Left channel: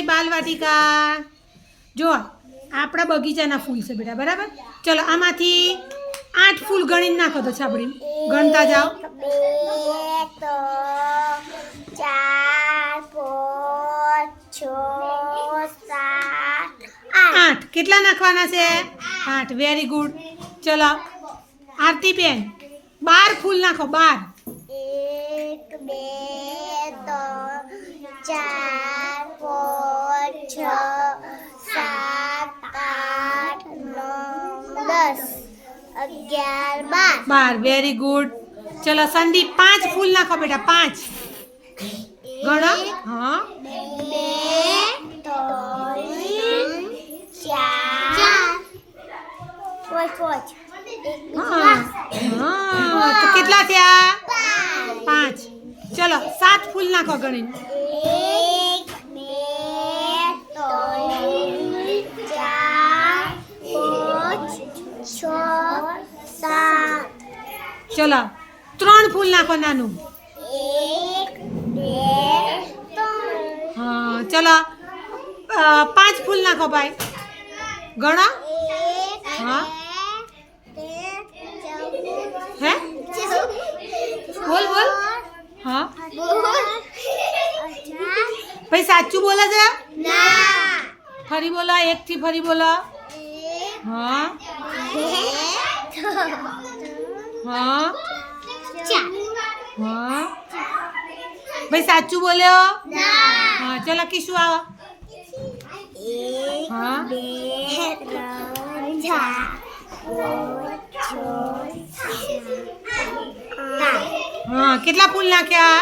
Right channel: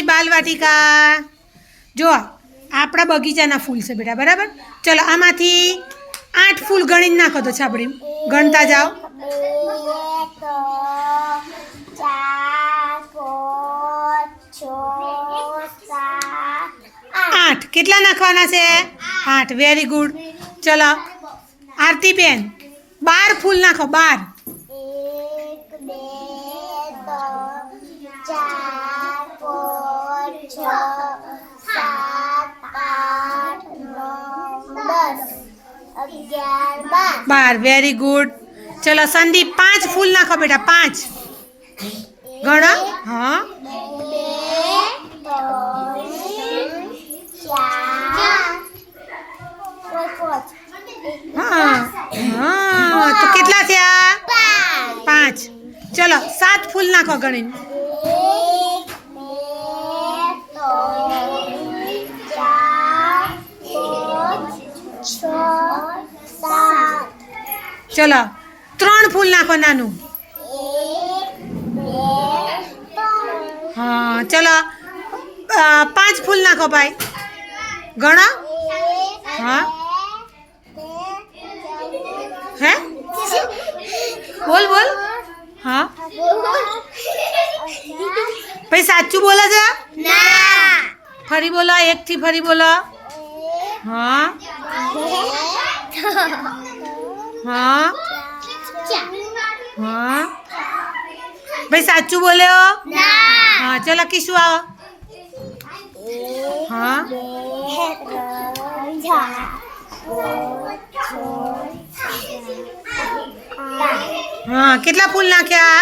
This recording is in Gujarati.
ગઈ બાલવાટિકા. જો આપણા બગીચાના ફૂલ છે બેટા, બરાબર. ચલો આમાંથી 8 ફૂલ ગણીને નાખો તો છાપડી ગણતા જાઓ. 8 કેટલા નાખવાના છે? 8. Very good. ચલો આરતીબેન 12 ફૂલ નાખો. 12. 12. Very good. ચલો સંદીપ 5 ફૂલ નાખો બેટા. 5 ગણો. હા હા તો કેટલા થયા? 5. ચલો 7 ફૂલ નાખો ગણીને. 1 2 3 4 5 6 7. ચલો 3 ફૂલ નાખો નાનું. 1 2 3 હા ચલો 5 ફૂલ નાખો ભાઈ. ગણો. હા હે બોલ બોલ. હા ભાઈ સાચું બોલે છે? ફરી બોલો. 1 થી ફરી બોલો. હા હા હા ભાઈ સાચું બોલ્યો? હા ચલો કીશું આવો. 1 2 3 4 5 6 7 8. હા કેટલા ફૂલ નાખ્યા?